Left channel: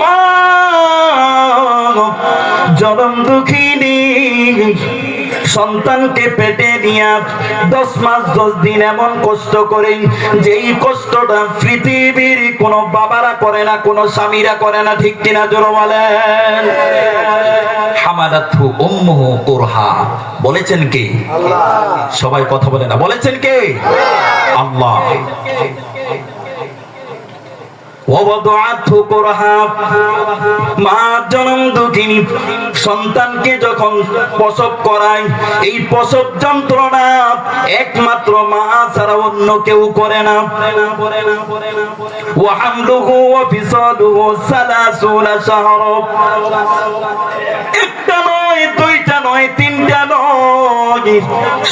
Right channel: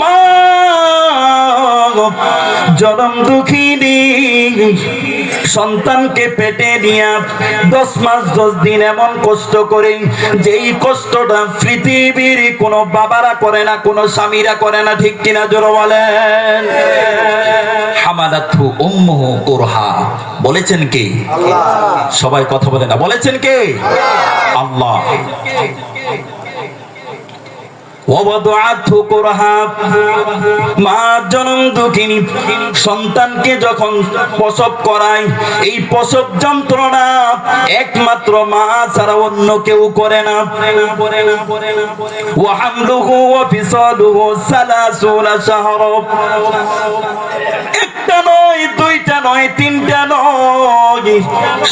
মা জনম দুঃখিনী সন্তানকে পেটে নিয়ে 10 মাস 10 দিন এমন কষ্ট করে, যেই কষ্টটা পৃথিবীর কোন বাবারা করে না, কোন স্বামীরা করে না, ঠিক কিনা জোরে বলেন। হামালাতহু উম্মুহু কুরহা, বলেছেন কে? আল্লাহ। সবাই কথা বলে না, বলেছেন কে? আল্লাহ। মা জনম দুঃখিনী সন্তানকে যখন প্রসব করায়, এই প্রসব যন্ত্রণা একমাত্র মা ছাড়া অন্য কেউ করে না। ওয়া হামলুহু ওয়া ফিসালুহু 30 শাহরা, একটা নয়, দুইটা নয়, তিনটা নয়,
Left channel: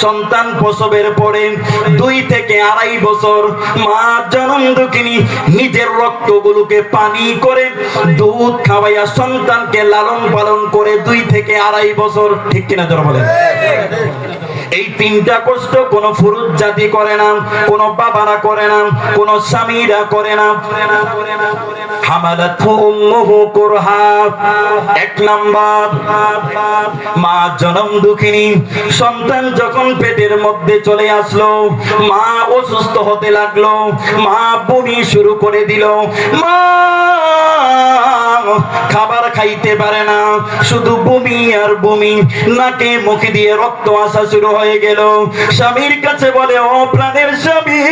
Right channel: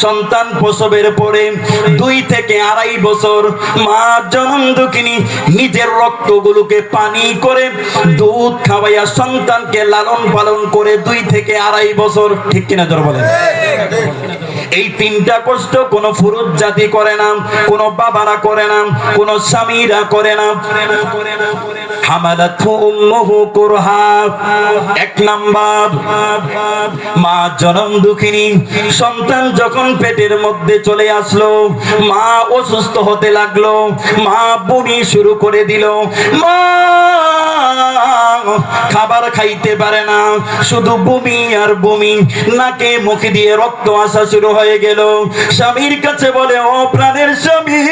সন্তান প্রসবের পরে 2 থেকে 2.5 বছর মা জনম দুঃখিনী নিজের রক্তগুলোকে পানি করে দুধ খাওয়াইয়া সন্তানকে লালন পালন করে 2 থেকে 2.5 বছর, ঠিক কিনা জোরে বলেন। এই 3টা কষ্ট কোন পুরুষ জাতি করে না, কোন বাবারা করে না, কোন স্বামীরা করে না। হামালাতহু উম্মুহু কুরহা, 1 নাম্বার মা জনম দুঃখিনী সন্তান যখন পেটের মধ্যে চলে আসলো, মা অসুস্থ হতে লাগলো, মা বমি শুরু করে দিল, মা খাবার খাইতে পারে না, শুধু বমি আর বমি, নাকে মুখে দিয়ে রক্ত আসা শুরু হয়ে গেল। স্বামীর কাছে বলে, ও প্রাণের স্বামী,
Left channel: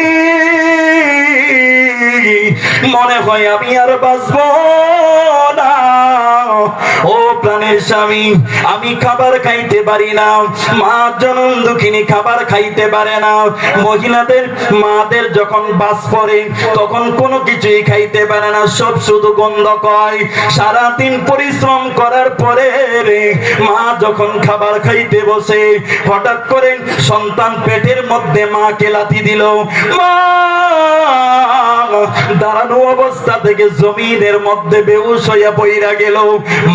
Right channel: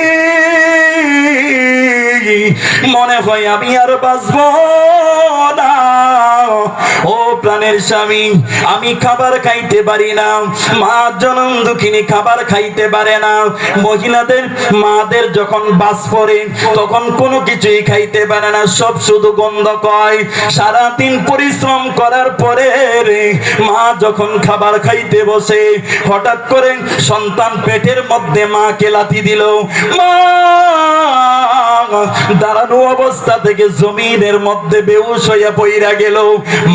মনে হয় আমি আর বাঁচবো না। ও প্রাণের স্বামী, আমি খাবার খাইতে পারি না। মা জনম দুঃখিনী খাবার খাইতে পারে না। মহিলাদের মাদের যখন বাস পড়ে তখন কোনো কিছুই খাইতে পারে না, সব শুধু গন্ধ কয়। সারাদিন পরিশ্রম করার পরে মা যখন খাবার খাইতে বসে, হঠাৎ করে সন্তান পেটের মধ্যে মাকে লাথি দিল। মা দাঁড়ানো অবস্থা থেকে জমিনের মধ্যে বেহুশ হইয়া পইরা গেল।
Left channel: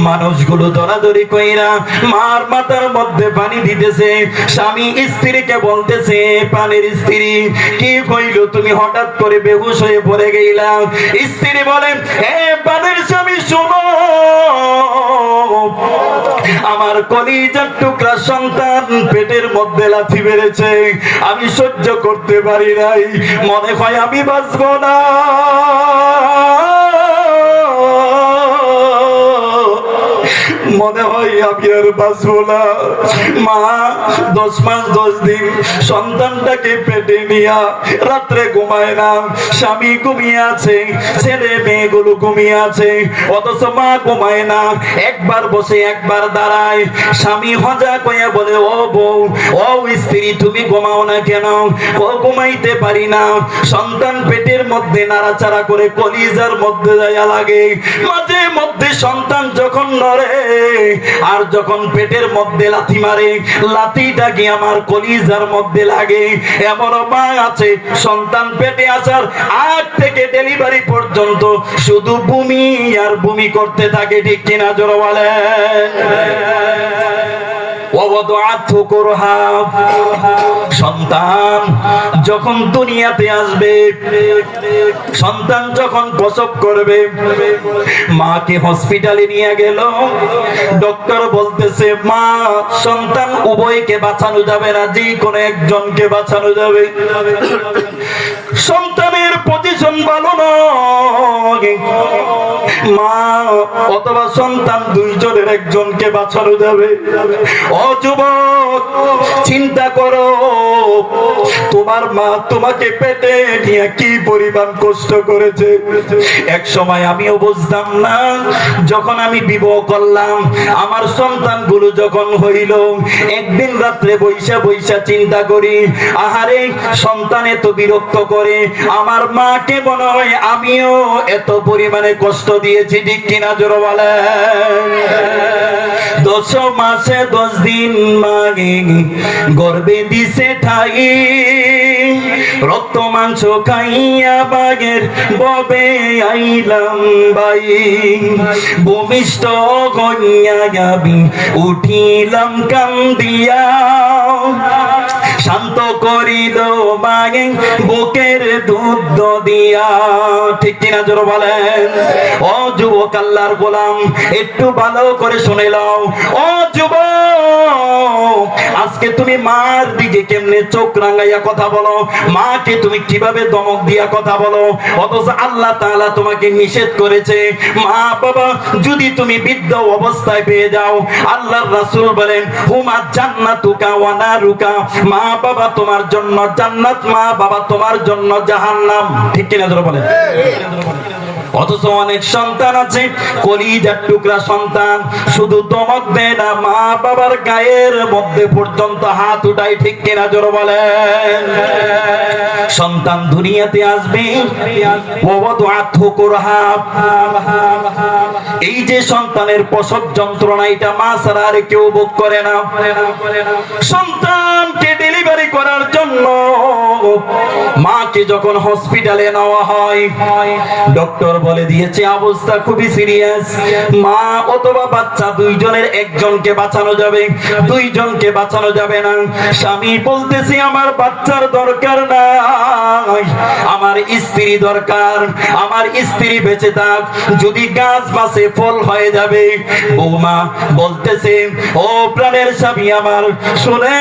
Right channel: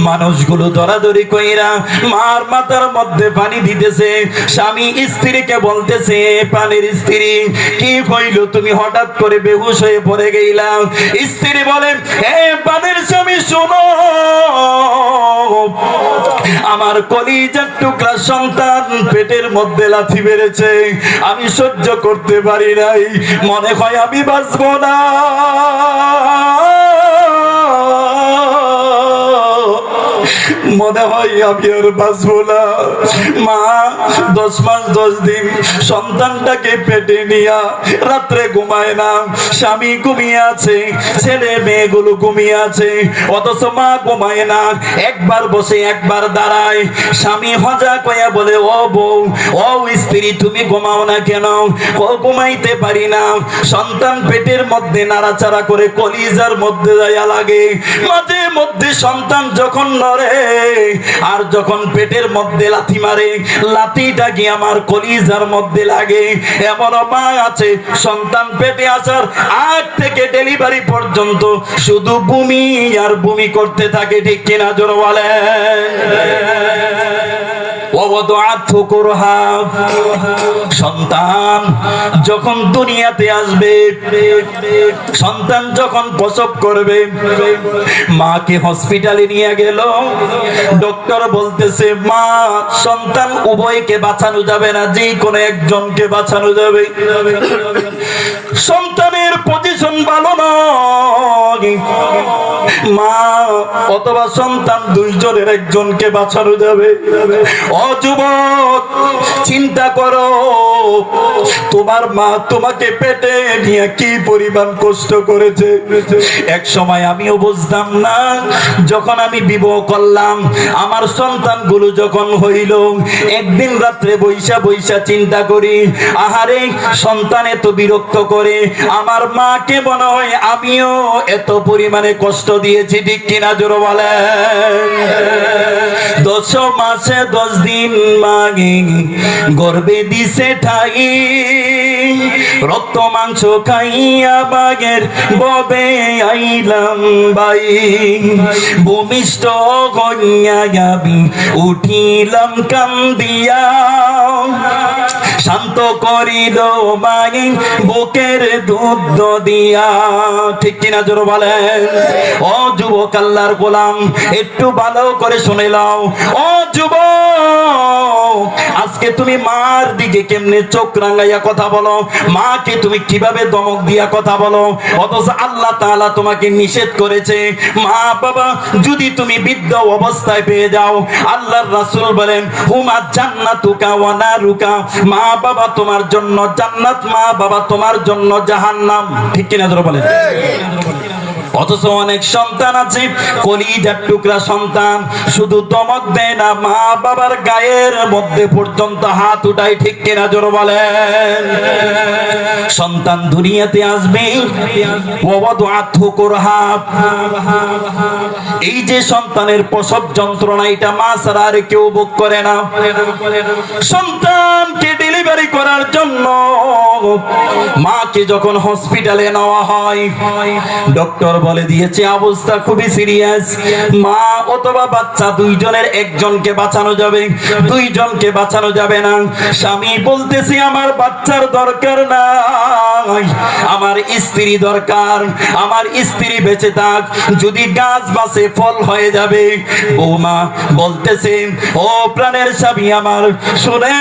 মানুষগুলো দরাদরি কইরা মার মাথার মধ্যে পানি দিতেছে। স্বামী স্ত্রীকে বলতেছে, পানির স্ত্রী, কি হইল, তুমি হঠাৎ করে বেহুশ হয়ে পড়ে গেলা? স্ত্রী বলে, হে পানির স্বামী, শোনো, আমার কলিজার টুকরা সন্তান পেটের মধ্যে লাথি মেরেছে, আমি সহ্য করতে পারি নাই, মনে হয় আমি বাঁচবো না, মনে হয় আমি আর বাঁচবো না। মা 10 মাস 10 দিন সন্তানটাকে পেটে নিয়া রাত্রে ঘুমায় না, স্বামী ঘুমিয়ে আছে, ছেলে মেয়েগুলো ঘুমিয়ে আছে, অথচ মা ঘুমায় না। একবার বসে একবার দাঁড়ায়। স্বামী হজা কয়া বলে, ও বউ, ও স্ত্রী, তুমি ঘুমাও না কেন? ও ঘুমাইতে পারি না, সন্তান পেটের মধ্যে নাড়াচাড়া করে কলিজার মধ্যে যাইয়া লাগে। মাঝে মধ্যে সন্তান যখন নড়ে আর যখন পেটের মধ্যে লাথি মারে, লাথিটা কি আমার কলিজার মধ্যে লাগে। এমন মা আছে, সন্তান পেটে আসার আগ থেকে ডেলিভারি পর্যন্ত শুধু বমি আর বমি করতে থাকে, ঠিক কিনা জোরে বলে। সন্তান যখন দুনিয়াতে আসবে, সন্তান যখন প্রসব করবে, মাকে হসপিটালে নিয়ে গেল। ডক্টর বলতেছে, মা সন্তান উভয়কে বাঁচানো যাবে না, যে কোনো একজনকে বাঁচানো যাবে। সন্তানের পজিশন ভালো নয়, মা অথবা সন্তান দুইজনের একজনকে বাঁচানো যাবে। ও যুবক, চিন্তা করো, তোমার মা তোমাকে পেটে নিয়ে কি পরিমাণ কষ্ট করেছে। এক সময় আমিও বুঝতাম না, যখন আমি বিবাহ করলাম, আমার সন্তানগুলো যখন হইল, একদিন রাত্রে বৈশা বৈশা চিন্তা করি, আহারে সন্তান এত বিরক্ত করে, আমার মাকে মনে হয় আমিও এত পরিমাণে কষ্ট দিয়েছি, ঠিক কিনা জোরে বলে। 10 মাসে 10 দিন মাগে গর্বে দিছে ঠাই, রক্ত মাংস খাইয়া বাগের ববে আইলাম বাই, ভূমিষ্ঠ হইয়া যাবি উঠিলাম কান্দিয়া, শান্ত করিল মায়ে বুকের দুধ দিয়া। ঠিক কিনা জোরে বলেন। ও যুবক আল্লাহর গোলাম, একটু ভালো করে শুনে নাও। ও যুবক, আজকে তুমি মার দিকে কেমনে চোখ রাঙাইয়া কথা বলো, মাকে তুমি কিভাবে ধমক দিয়া কথা বলো, অথচ আল্লাহ তাআলা তোমাকে নিষেধ করেছে। মা বাবা যদি তুমি বৃদ্ধ অবস্থায় পেয়ে যাও, আল্লাহর রাসূল বলেন হুমা জান্নাতুকা ওয়া নারুকা, মা বাবা তোমার জন্য জান্নাত, মা বাবা তোমার জন্য জাহান্নাম। ঠিক কিনা জোরে বলেন। অথচ অনেক সন্তান আছে কলিজার টুকরা সন্তান, শুধু দমক দেয় না, মা বাবার গায়ের মধ্যে পর্যন্ত হাত উঠায়। ঠিক কিনা জোরে বলেন। সন্তান দুনিয়াতে আসবে, এই যে সন্তানের প্রসব যন্ত্রণা, এটা মা ছাড়া আর কেউ ভোগ করে না। সন্তানকে ডেলিভারি করার জন্য মাকে যখন হসপিটালে নেওয়া হয়, ডক্টর বলে দিয়েছে অবস্থা খুবই সিরিয়াস, মা অথবা বাচ্চা দুইজনের একজনকে বাঁচানো যাবে, দুইজনকে বাঁচানো যাবে না। স্বামী বলতেছি আমার বাচ্চার দরকার নাই, আমার স্ত্রী দরকার, আমার স্ত্রী বেঁচে থাক, যদি গাছ বাঁচে ফল হয়ে যাবে। বৌমা বলতেছে ও প্রাণের স্বামী আমার, শুনে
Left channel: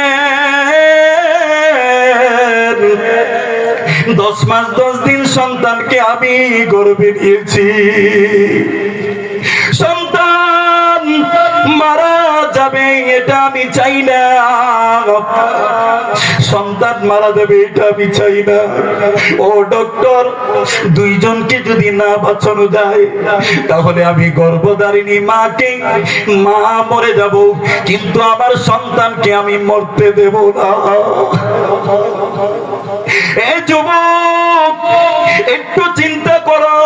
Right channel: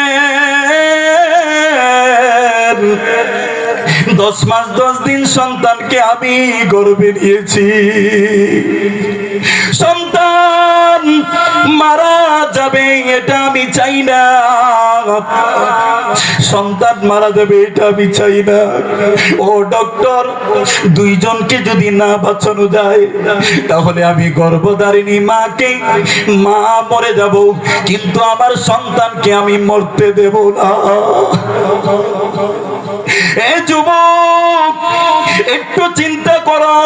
10 মাস 10 দিন সন্তানকে আমি গর্ভে নিয়েছি, সন্তান মারা যাবে এটা আমি চাই না, সন্তান মারা যাবে এটা আমি চাই না। ও ডক্টর, দুইজনকে যদি না বাঁচানো যায় তাহলে আমি গর্ভধারিণী মাকে, মা মরে যাব, কিন্তু আমার সন্তানকে আমি মরতে দেব না। এ যুবক, একটু চিন্তা করো।